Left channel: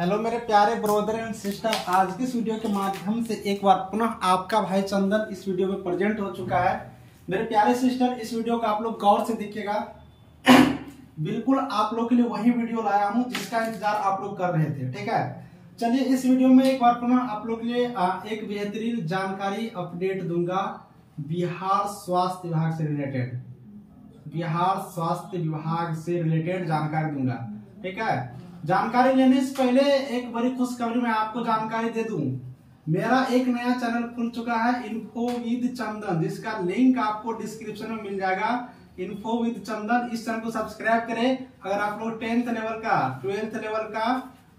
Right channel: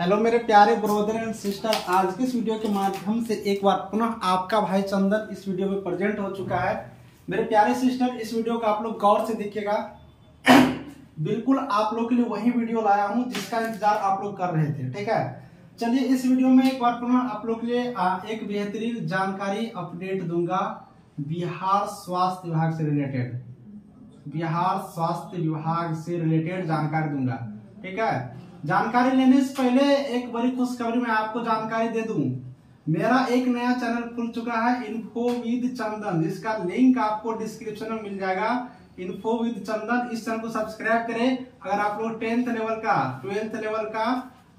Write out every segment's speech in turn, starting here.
Hello मेरे प्यारे brother and sister, आज के इस वीडियो के माध्यम से एक बार पुनः आपका भाई चंदन इस वीडियो में प्रेजेंट हो चुका है। मेरे प्यारे सिस्टर, इस वीडियो को आप लोग गौर से देखिएगा। बिल्कुल आप लोग के लिए वही वीडियो लाया हूं जिसका इंतजार आप लोग कर रहे थे। ठीक है, चलिए इस वीडियो में एक बार पुनः आप लोग के लिए एक बेहतरीन जानकारी अपडेट दूंगा बिहार स्वास्थ्य विभाग से रिलेटेड। बिहार स्वास्थ्य विभाग से रिलेटेड जानकारी दूंगा। ठीक है, जानकारी लेने से पहले एक बड़ी खुशखबरी मैं आपको जानकारी दे दूं। मेरा एक नया चैनल खुल चुका है, इन्फो विद चंदन, जिसका लिंक आपको डिस्क्रिप्शन में मिल जाएगा। इन्फो विद चंदन, इस चैनल को सब्सक्राइब करें। अगर आप लोग 10th लेवल का, 12th लेवल का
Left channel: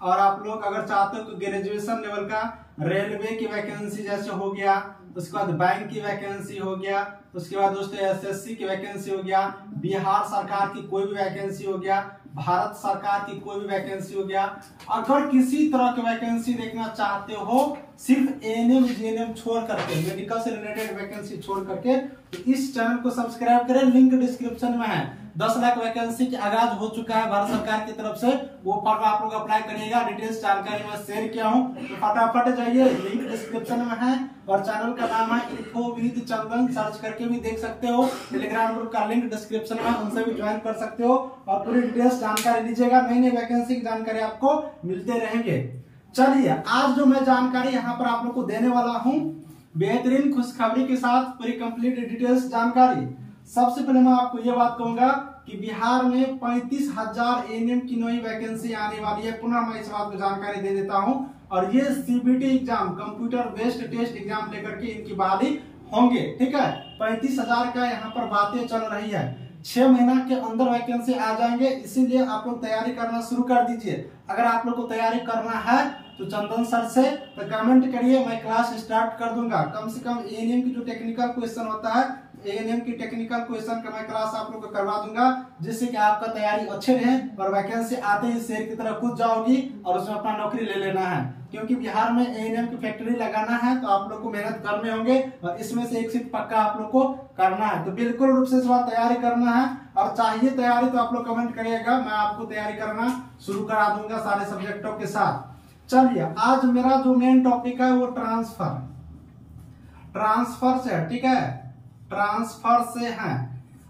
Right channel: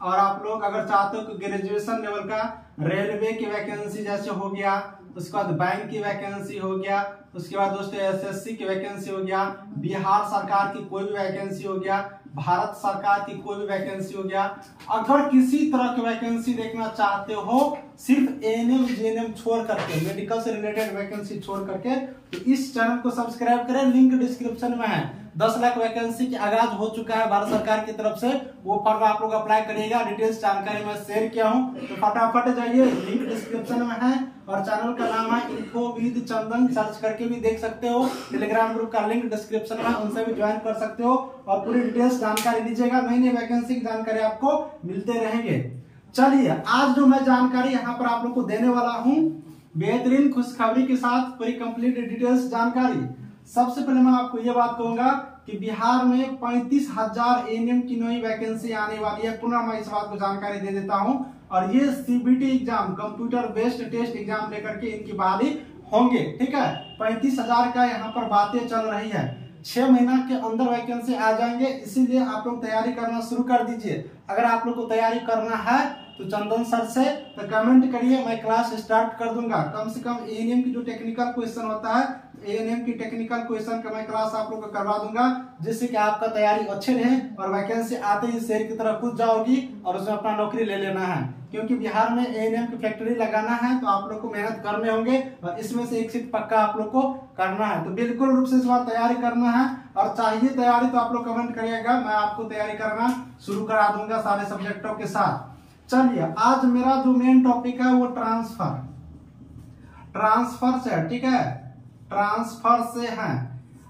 और आप लोग अगर चाहते हो कि ग्रेजुएशन लेवल का रेलवे की वैकेंसी जैसे हो गया, उसके बाद बैंक की वैकेंसी हो गया, उसके बाद दोस्तों एसएससी की वैकेंसी हो गया, बिहार सरकार की कोई भी वैकेंसी हो गया, भारत सरकार की कोई भी वैकेंसी हो गया, अगर किसी तरह की वैकेंसी देखना चाहते हो सिर्फ एएनएम जेएनएम छोड़ करके, मेडिकल से रिलेटेड वैकेंसी छोड़ करके, तो इस चैनल को सब्सक्राइब करें। लिंक डिस्क्रिप्शन में है। 10 लाख वैकेंसी की आगाज हो चुका है भारत सरकार की तरफ से, वो फॉर्म आप लोग अप्लाई करिएगा। डिटेल्स जानकारी मैं शेयर किया हूं, तो फटाफट जाइए, लिंक डिस्क्रिप्शन में है। और चैनल का नाम है इन्फो विद चंदन, सर्च करके भी देख सकते हो। टेलीग्राम ग्रुप का लिंक डिस्क्रिप्शन में, उनसे भी ज्वाइन कर सकते हो और पूरी डिटेल्स जानकारी लीजिएगा। नई नई वैकेंसी की जानकारी आपको मिलते रहेंगे। चलिए आज जो मैं जानकारी यहाँ पर आप लोग को देने वाला हूँ, बेहतरीन खुशखबरी के साथ पूरी कंप्लीट डिटेल्स जानकारी। सबसे पहले मैं आपको ये बात कहूंगा कि बिहार में 35,000 एएनएम की नई वैकेंसी आने वाली है। पुनः मैं इस बात को जानकारी दे देता हूं। और ये CBT exam, computer based test exam लेकर के इनकी बहाली होंगे। ठीक है, 35,000 का यहाँ पर बातें चल रही है। 6 महीना के अंदर वैकेंसी आ जाएंगे, इसीलिए आप लोग तैयारी करना शुरू कर दीजिए। अगर आप लोग को तैयारी करना है तो चंदन सर से तो कमेंट करिए, मैं क्लास स्टार्ट कर दूंगा। कम से कम एएनएम की जो टेक्निकल क्वेश्चन होता है, एएनएम की टेक्निकल क्वेश्चन का मैं क्लास आप लोग को करवा दूंगा, जिससे कि आपका तैयारी अच्छे रहे और वैकेंसी आते ही शेर की तरह कूद जाओगी और उसमें अपना नौकरी ले लेना है। क्योंकि बिहार में एएनएम की फैक्ट्री लगाना है तो आप लोग को मेहनत करने होंगे और इसमें से एक सीट पक्का आप लोग को करना है। तो बिल्कुल रूप से इस बार तैयारी करना है और चाहिए तैयारी तो आप लोग कमेंट करिएगा, मैं आपको तैयारी करना शुरू करा दूंगा सारे सब्जेक्टों के साथ। चलिए आज मेरा जो मेन टॉपिक है वो ट्रांसफर से है। ठीक है, ट्रांसफर से है।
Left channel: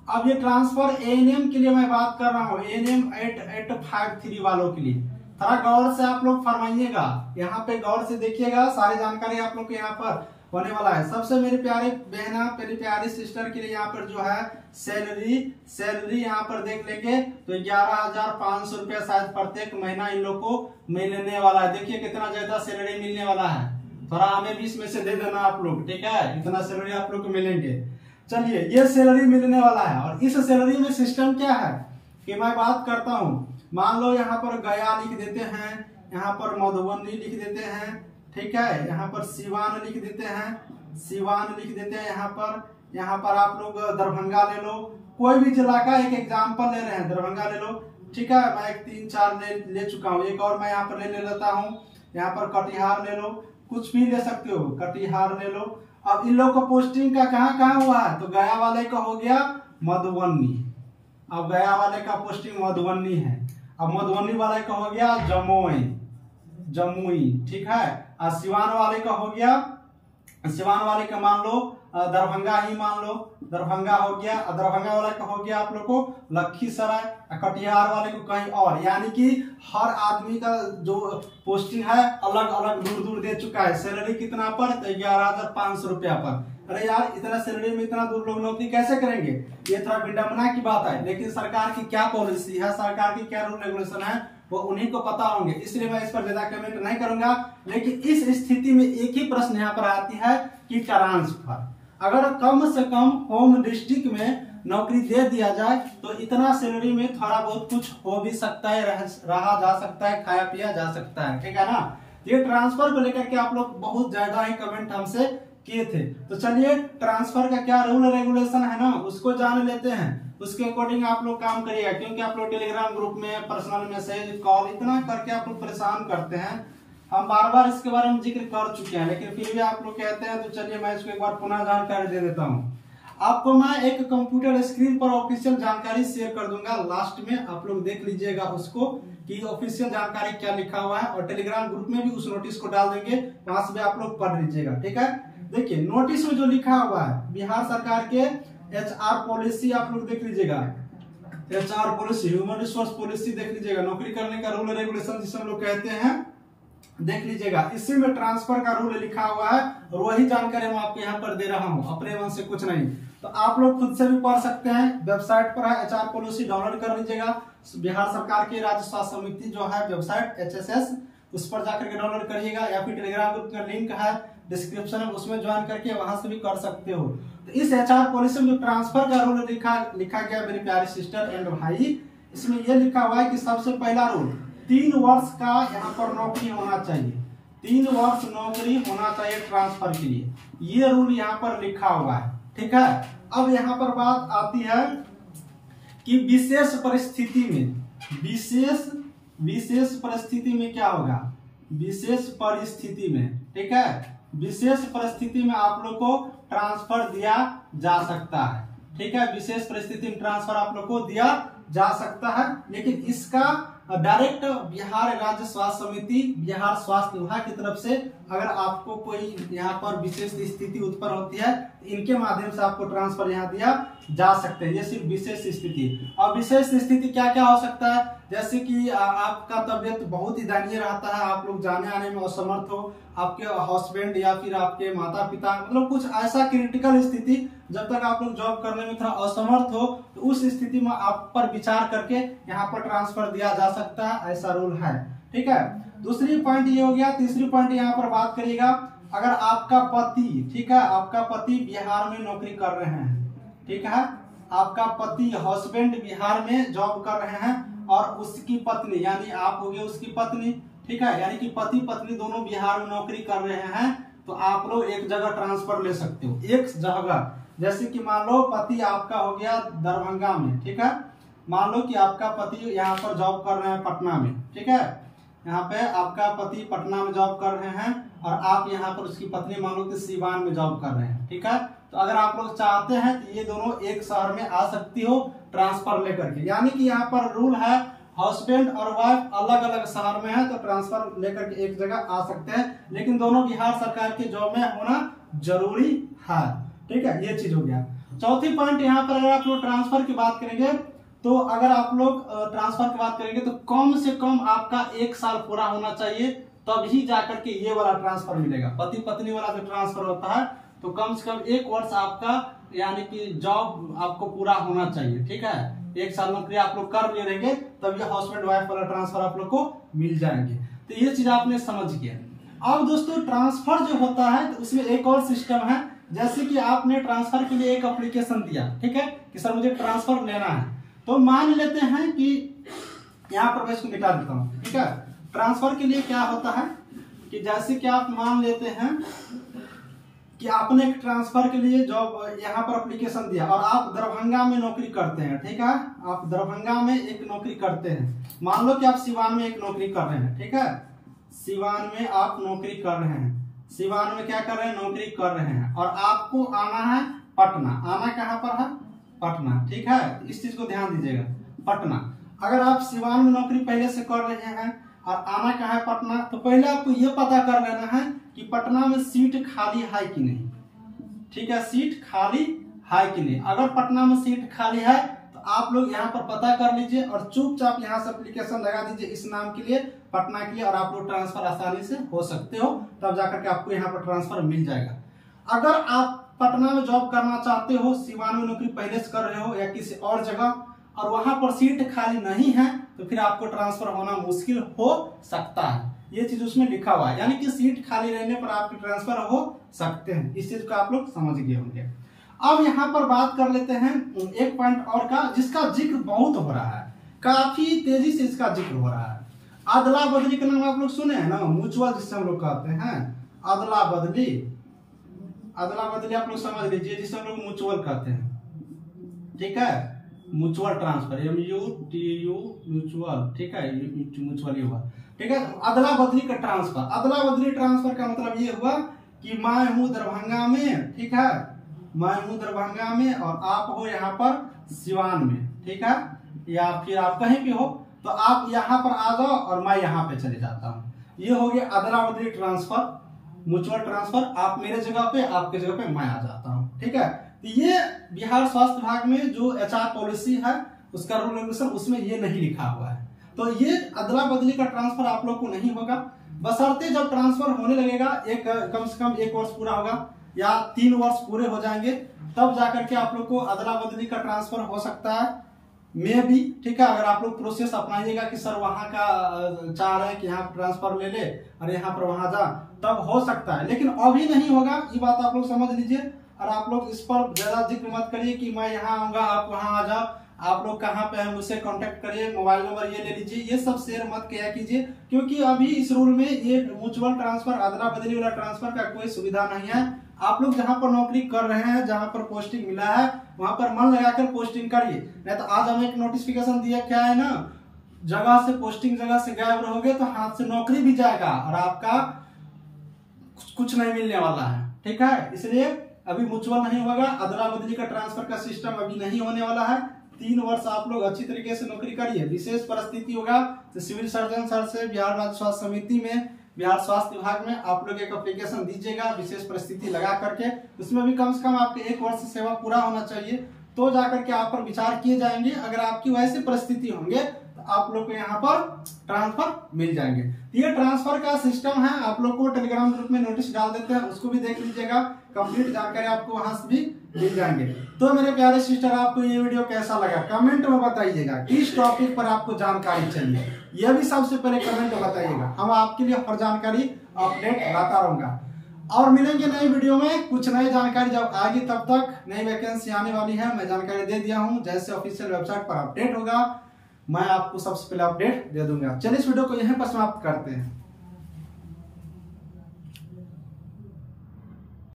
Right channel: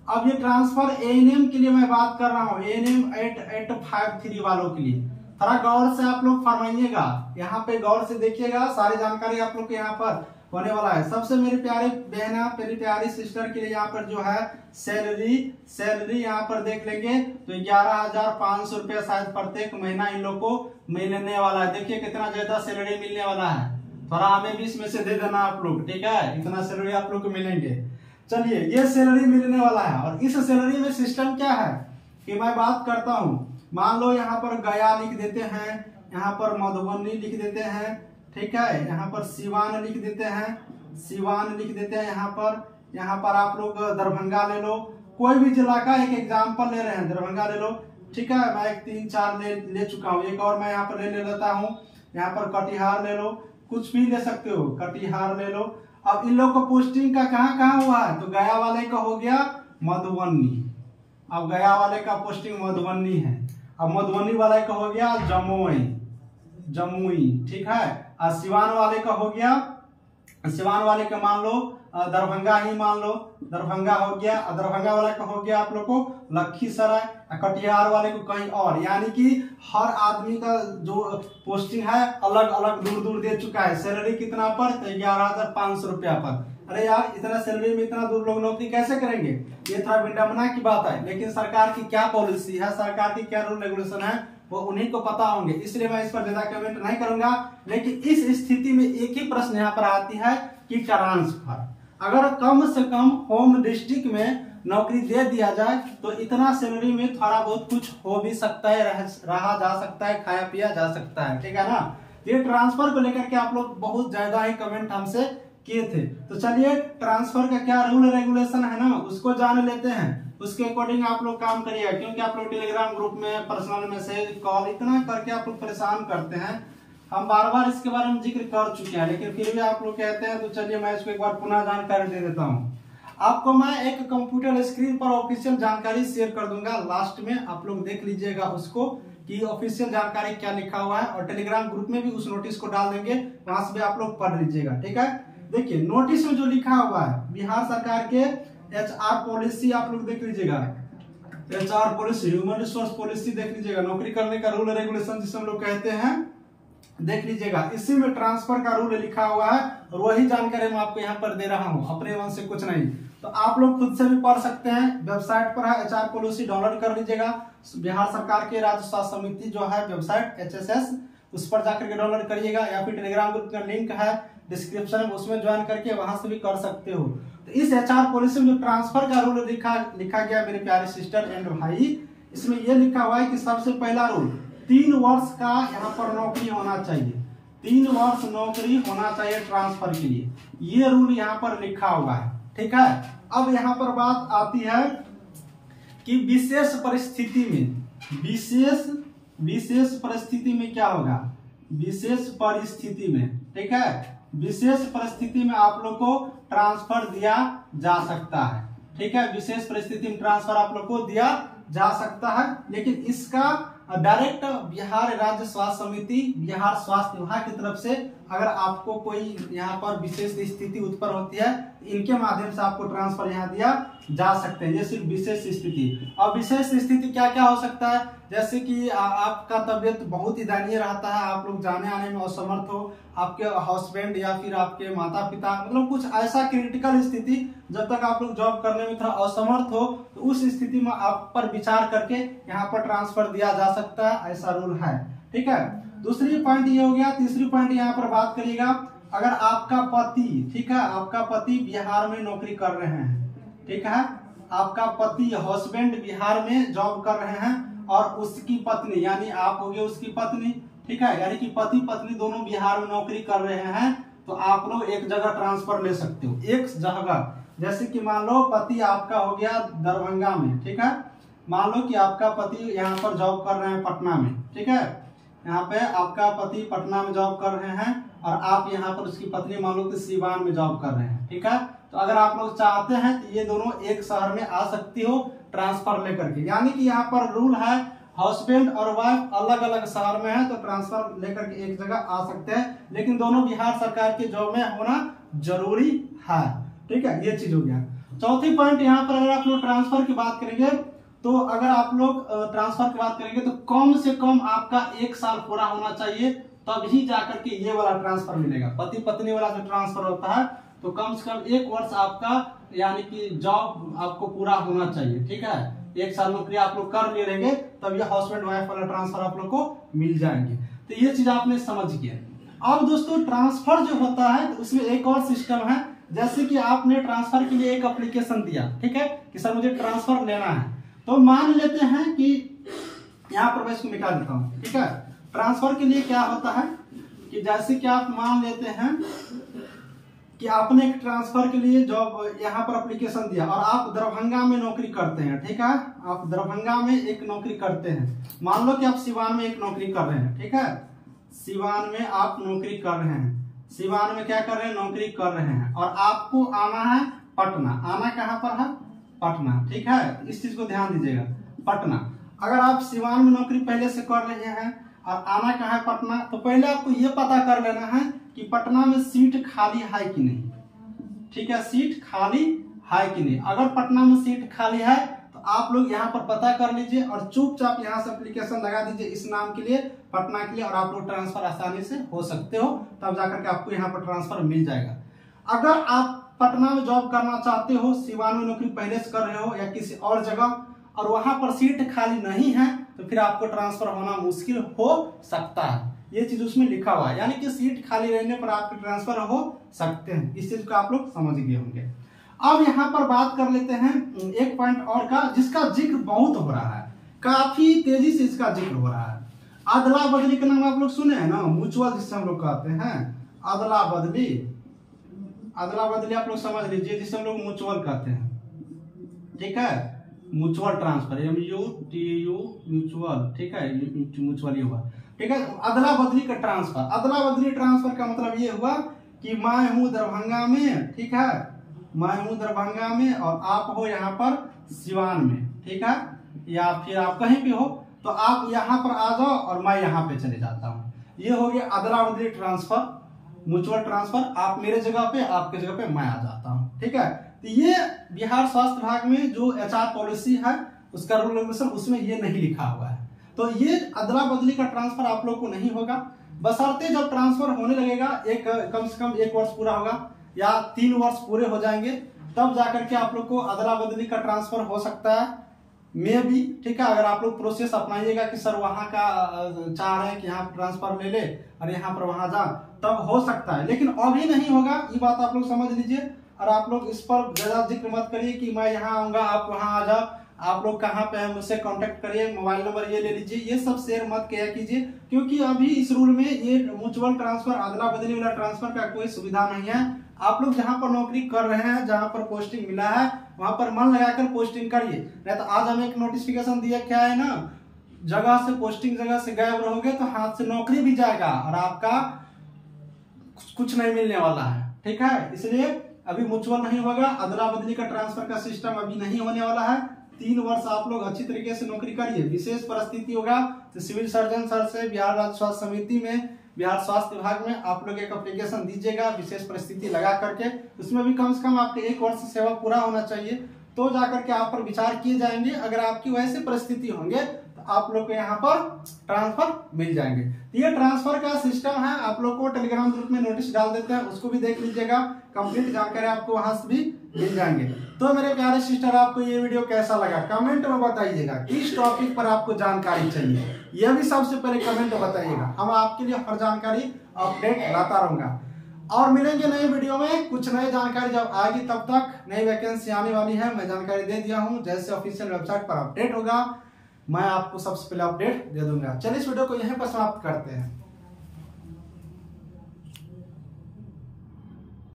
अब ये ट्रांसफर एएनएम के लिए मैं बात कर रहा हूँ, एएनएम 8853 वालों के लिए। थोड़ा गौर से आप लोग फरमाइएगा, यहाँ पे गौर से देखिएगा, सारी जानकारी आप लोग को यहाँ पर होने वाला है। सबसे मेरी प्यारी बहना, मेरी प्यारी सिस्टर के लिए यहाँ पर जो है सैलरी यहाँ पर देख लेंगे तो 11,500 रुपया शायद प्रत्येक महीना इन लोग को मिलने वाला है। देखिए कितना ज्यादा सैलरी मिलने वाला है, थोड़ा हमें भी इसमें से दे देना आप लोग। ठीक है, इतना सैलरी आप लोग को मिलेंगे। चलिए ये सैलरी मिलने वाला है और इस सैलरी में सिस्टम क्या है कि मैं बात करता हूँ। मान लो यहाँ पर गया लिख देते हैं, यहाँ पर मधुबनी लिख देते हैं, ठीक है, यहाँ पर सिवान लिख देते हैं, सिवान लिख देते हैं, यहाँ पर आप लोग दरभंगा ले लो, कोई भी जिला का एक एग्जाम्पल ले रहे हैं, दरभंगा ले लो। ठीक है, मैं 3-4 ले चुका हूँ, एक और मैं यहाँ पर ले लेता हूँ। यहाँ पर कटिहार ले लो, कुछ भी ले सकते हो, कटिहार ले लो। अब इन लोग को पोस्टिंग का कहाँ हुआ है तो गया वाले का हो गया मधुबनी। अब गया वाले का पोस्टिंग मधुबनी है। अब मधुबनी वाले का हो गया जमुई। ठीक है, और सिवान वाले का हो गया, सिवान वाले का मान लो दरभंगा ही मान लो, दरभंगा हो गया। दरभंगा वाला का हो गया आप लोग को लखीसराय, कटिहार वाले को कहीं और। यानी कि हर आदमी का जो पोस्टिंग है अलग अलग दूर दूर दे चुका है। सैलरी कितना पर तो 11,500 रुपया पर। अरे यार, इतना सैलरी में इतना दूर लोग नौकरी कैसे करेंगे? ये थोड़ा विडम्बना की बात है, लेकिन सरकार की क्या पॉलिसी है, सरकार की क्या रूल रेगुलेशन है, वो उन्हीं को पता होंगे। इसलिए मैं इस पर ज्यादा कमेंट नहीं करूंगा। लेकिन इस स्थिति में एक ही प्रश्न यहाँ पर आती है कि ट्रांसफर अगर कम से कम होम डिस्ट्रिक्ट में नौकरी दे दिया जाए तो इतना सैलरी में थोड़ा बहुत कुछ हो भी सकता है, रहा जा सकता है, खाया पिया जा सकता है। ठीक है ना, ये ट्रांसफर को लेकर के आप लोग बहुत ज्यादा ही कमेंट हमसे किए थे। तो चलिए ट्रांसफर का क्या रूल रेगुलेशन है ना, उसको जान लेते हैं। उसके अकॉर्डिंग आप लोग काम करिएगा, क्योंकि आप लोग टेलीग्राम ग्रुप में पर्सनल मैसेज कॉल इतना करके आप लोग परेशान करते हैं। हम बार बार इसके बारे में जिक्र कर चुके हैं, लेकिन फिर भी आप लोग कहते हैं, तो चलिए मैं इसको एक बार पुनः जानकारी दे देता हूँ। आपको मैं एक कंप्यूटर स्क्रीन पर ऑफिशियल जानकारी शेयर कर दूंगा, लास्ट में आप लोग देख लीजिएगा उसको कि ऑफिशियल जानकारी क्या लिखा हुआ है, और टेलीग्राम ग्रुप में भी उस नोटिस को डाल देंगे, वहां से भी आप लोग पढ़ लीजिएगा। ठीक है, देखिए नोटिस में जो लिखा हुआ है बिहार सरकार के HR पॉलिसी आप लोग देख लीजिएगा, HR policy, human resource policy देख लीजिएगा, नौकरी करने का रूल रेगुलेशन जिसे हम लोग कहते हैं देख लीजिएगा। इसी में ट्रांसफर का रूल लिखा हुआ है और वही जानकारी मैं आपको यहाँ पर दे रहा हूँ, अपने मन से कुछ नहीं। तो आप लोग खुद से भी पढ़ सकते हैं, वेबसाइट पर है HR पॉलिसी, डाउनलोड कर लीजिएगा। बिहार सरकार के राज्य स्वास्थ्य समिति जो है वेबसाइट HSS, उस पर जाकर के डाउनलोड करिएगा, या फिर टेलीग्राम ग्रुप का लिंक है डिस्क्रिप्शन में, उसमें ज्वाइन करके वहां से भी कर सकते हो। तो इस HR पॉलिसी में ट्रांसफर का रूल लिखा गया मेरे प्यारे सिस्टर एंड भाई, इसमें यह लिखा हुआ है कि सबसे पहला रूल 3 वर्ष का यहाँ पर नौकरी होना चाहिए, 3 वर्ष नौकरी होना चाहिए ट्रांसफर के लिए, ये रूल यहाँ पर लिखा हुआ है। ठीक है, अब यहाँ पर बात आती है कि विशेष परिस्थिति में, विशेष परिस्थिति में क्या होगा, विशेष परिस्थिति में, ठीक है, विशेष परिस्थिति में आप लोग को ट्रांसफर दिया जा सकता है। ठीक है, विशेष परिस्थिति में ट्रांसफर आप लोग को दिया जा सकता है, लेकिन इसका डायरेक्ट बिहार राज्य स्वास्थ्य समिति, बिहार स्वास्थ्य विभाग की तरफ से अगर आपको कोई यहाँ पर विशेष स्थिति उत्पन्न होती है, इनके माध्यम से आपको ट्रांसफर यहाँ दिया जा सकते हैं। ये सिर्फ विशेष स्थिति। और विशेष स्थिति क्या क्या हो सकता है, जैसे कि आपका तबियत बहुत ही दयनीय रहता है, आप लोग जाने आने में असमर्थ हो, आपके हस्बैंड या फिर आपके माता पिता, मतलब कुछ ऐसा क्रिटिकल स्थिति, जब तक आप लोग जॉब करने में थोड़ा असमर्थ हो, तो उस स्थिति में आप पर विचार करके यहाँ पर ट्रांसफर दिया जा सकता है, ऐसा रूल है। ठीक है, दूसरी पॉइंट ये हो गया। तीसरी पॉइंट यहाँ पर बात करिएगा, अगर आपका पति, ठीक है, आपका पति बिहार में नौकरी कर रहे हैं, ठीक है, आपका पति हस्बैंड बिहार में जॉब कर रहे हैं और उसकी पत्नी यानी आप होगे उसकी पत्नी, ठीक है, यानी कि पति पत्नी दोनों बिहार में नौकरी कर रहे हैं, तो आप लोग एक जगह ट्रांसफर ले सकते हो, एक जगह। जैसे कि मान लो पति आपका हो गया दरभंगा में, ठीक है, मान लो कि आपका पति यहाँ पर जॉब कर रहे हैं पटना में, ठीक है, यहाँ पे आपका पति पटना में जॉब कर रहे हैं और आप यहाँ पर उसकी पत्नी मान लो कि सीवान में जॉब कर रहे हैं। ठीक है, तो अगर आप लोग चाहते हैं तो ये दोनों एक शहर में आ सकती हो ट्रांसफर लेकर के, यानी कि यहाँ पर रूल है हस्बैंड और वाइफ अलग अलग शहर में है तो ट्रांसफर लेकर के एक जगह आ सकते हैं, लेकिन दोनों बिहार सरकार के जॉब में होना जरूरी है। ठीक है, ये चीज हो गया। चौथी पॉइंट यहाँ पर अगर आप लोग ट्रांसफर की बात करेंगे, तो अगर आप लोग ट्रांसफर की बात करेंगे तो कम से कम आपका 1 साल पूरा होना चाहिए, तभी जाकर के ये वाला ट्रांसफर मिलेगा। पति पत्नी वाला जो ट्रांसफर होता है तो कम से कम 1 वर्ष आपका यानी कि जॉब आपको पूरा होना चाहिए। ठीक है, 1 साल नौकरी आप लोग कर ले रहेंगे तब ये हस्बैंड वाइफ वाला ट्रांसफर आप लोग को मिल जाएंगे। तो ये चीज आपने समझ किया। अब दोस्तों ट्रांसफर जो होता है तो उसमें एक और सिस्टम है, जैसे कि आपने ट्रांसफर के लिए एक एप्लीकेशन दिया, ठीक है, कि सर मुझे ट्रांसफर लेना है, तो मान लेते हैं कि यहाँ पर मैं इसको निकाल देता हूँ। ठीक है, ट्रांसफर के लिए क्या होता है कि जैसे कि आप मान लेते हैं कि आपने एक ट्रांसफर के लिए जॉब यहाँ पर एप्लीकेशन दिया और आप दरभंगा में नौकरी करते हैं। ठीक है, आप दरभंगा में एक नौकरी करते हैं, मान लो कि आप सिवान में एक नौकरी कर रहे हैं। ठीक है, सिवान में आप नौकरी कर रहे हैं, सिवान में क्या कर रहे हैं, नौकरी कर रहे हैं, और आपको आना है पटना। आना कहाँ पर है, पटना। ठीक है, इस चीज को ध्यान दीजिएगा, पटना। अगर आप सिवान में नौकरी पहले से कर रहे हैं और आना कहाँ है, पटना, तो पहले आपको ये पता कर लेना है कि पटना में सीट खाली है कि नहीं। ठीक है, सीट खाली है कि नहीं। अगर पटना में सीट खाली है तो आप लोग यहाँ पर पता कर लीजिए और चुपचाप यहाँ से एप्लीकेशन लगा दीजिए इस नाम के लिए, पटना के लिए, और आप लोग ट्रांसफर आसानी से हो सकते हो, तब जाकर के आपको यहाँ पर ट्रांसफर मिल जाएगा। अगर आप पटना में जॉब करना चाहते हो, सिवान में नौकरी पहले से कर रहे हो या किसी और जगह, और वहां पर सीट खाली नहीं है, तो फिर आपको ट्रांसफर होना मुश्किल हो सकता है। ये चीज उसमें लिखा हुआ है, यानी कि सीट खाली रहने पर आपके ट्रांसफर हो सकते हैं। इस चीज को आप लोग समझ गए होंगे। अब यहाँ पर बात कर लेते हैं एक पॉइंट और का, जिसका जिक्र बहुत हो रहा है, काफी तेजी से इसका जिक्र हो रहा है। अदला बदली का नाम आप लोग सुने हैं ना, म्यूचुअल जिसे हम लोग कहते हैं, अदला बदली। अदला बदली आप लोग समझ लीजिए, जिसे हम लोग म्यूचुअल कहते हैं। ठीक है, म्यूचुअल ट्रांसफर, MUTU म्यूचुअल। ठीक है, म्यूचुअल ये हुआ। ठीक है, अदला बदली का ट्रांसफर। अदला बदली ट्रांसफर का मतलब ये हुआ कि मैं हूं दरभंगा में, ठीक है, मैं हूं दरभंगा में और आप हो यहाँ पर सिवान में, ठीक है, या फिर आप कहीं भी हो, तो आप यहाँ पर आ जाओ और मैं यहाँ पे चले जाता हूँ। ये हो गया अदला बदली ट्रांसफर, म्यूचुअल ट्रांसफर। आप मेरे जगह पे, आपके जगह पे मैं आ जाता हूँ, ठीक है। तो ये बिहार स्वास्थ्य विभाग में जो HR पॉलिसी है उसका रूल रेगुलेशन, उसमें ये नहीं लिखा हुआ है। तो ये अदला बदली का ट्रांसफर आप लोग को नहीं होगा, बशर्ते जब ट्रांसफर होने लगेगा कम से कम 1 वर्ष पूरा होगा या 3 वर्ष पूरे हो जाएंगे, तब जाकर के आप लोग को अदला बदली का ट्रांसफर हो सकता है, मे भी, ठीक है। अगर आप लोग प्रोसेस अपनाइएगा कि सर वहां का चाह रहे हैं कि यहाँ ट्रांसफर ले ले और यहाँ पर वहां जा, तब हो सकता है, लेकिन अभी नहीं होगा। ये बात आप लोग समझ लीजिए। और आप लोग इस पर ज्यादा जिक्र मत करिए कि मैं यहाँ आऊंगा आप वहां आ जाओ, आप लोग कहाँ पे हैं मुझसे कांटेक्ट करिए, मोबाइल नंबर ये ले लीजिए, ये सब शेयर मत किया कीजिए, क्योंकि अभी इस रूल में ये म्यूचुअल ट्रांसफर, अदला बदली वाला ट्रांसफर का कोई सुविधा नहीं है। आप लोग जहां पर नौकरी कर रहे हैं, जहां पर पोस्टिंग मिला है, वहां पर मन लगाकर पोस्टिंग करिए। नहीं तो आज हमें एक नोटिफिकेशन दिया, क्या है ना, जगह से पोस्टिंग जगह से गायब रहोगे तो हाथ से नौकरी भी जाएगा और आपका कुछ नहीं मिलने वाला है, ठीक है। इसलिए अभी म्यूचुअल नहीं होगा, अदला बदली का ट्रांसफर का सिस्टम अभी नहीं होने वाला है। 3 वर्ष आप लोग अच्छी तरीके से नौकरी करिए। विशेष परिस्थिति होगा तो सिविल सर्जन सर से बिहार राज्य स्वास्थ्य समिति में, बिहार स्वास्थ्य विभाग में आप लोग एक एप्लीकेशन दीजिएगा विशेष परिस्थिति लगा करके। उसमें भी कम से कम आपके 1 वर्ष सेवा पूरा होना चाहिए, तो जाकर के आप पर विचार किए जाएंगे। अगर आपकी वैसी परिस्थिति होंगे तो आप लोग को यहाँ पर ट्रांसफर मिल जाएंगे। ये ट्रांसफर का सिस्टम है, आप लोग को टेलीग्राम ग्रुप में नोटिस डाल देते हैं, उसको भी देख लीजिएगा। कंप्लीट जानकारी आपको वहां से भी मिल जाएंगे। तो मेरे प्यारे सिस्टर, आपको ये वीडियो कैसा लगा कमेंट में बताइएगा। किस टॉपिक पर आपको जानकारी चाहिए यह भी सबसे पहले कमेंट में बताइएगा। हम आपके लिए हर जानकारी अपडेट लाता रहूंगा। और मिलेंगे नई वीडियो में कुछ नई जानकारी जब आएगी, तब तक नई वैकेंसी आने वाली है, मैं जानकारी दे दिया हूँ। जैसे ऑफिशियल वेबसाइट पर अपडेट होगा मैं आपको सबसे पहले अपडेट दे दूंगा। चलिए इस वीडियो को यहीं पर समाप्त करते हैं।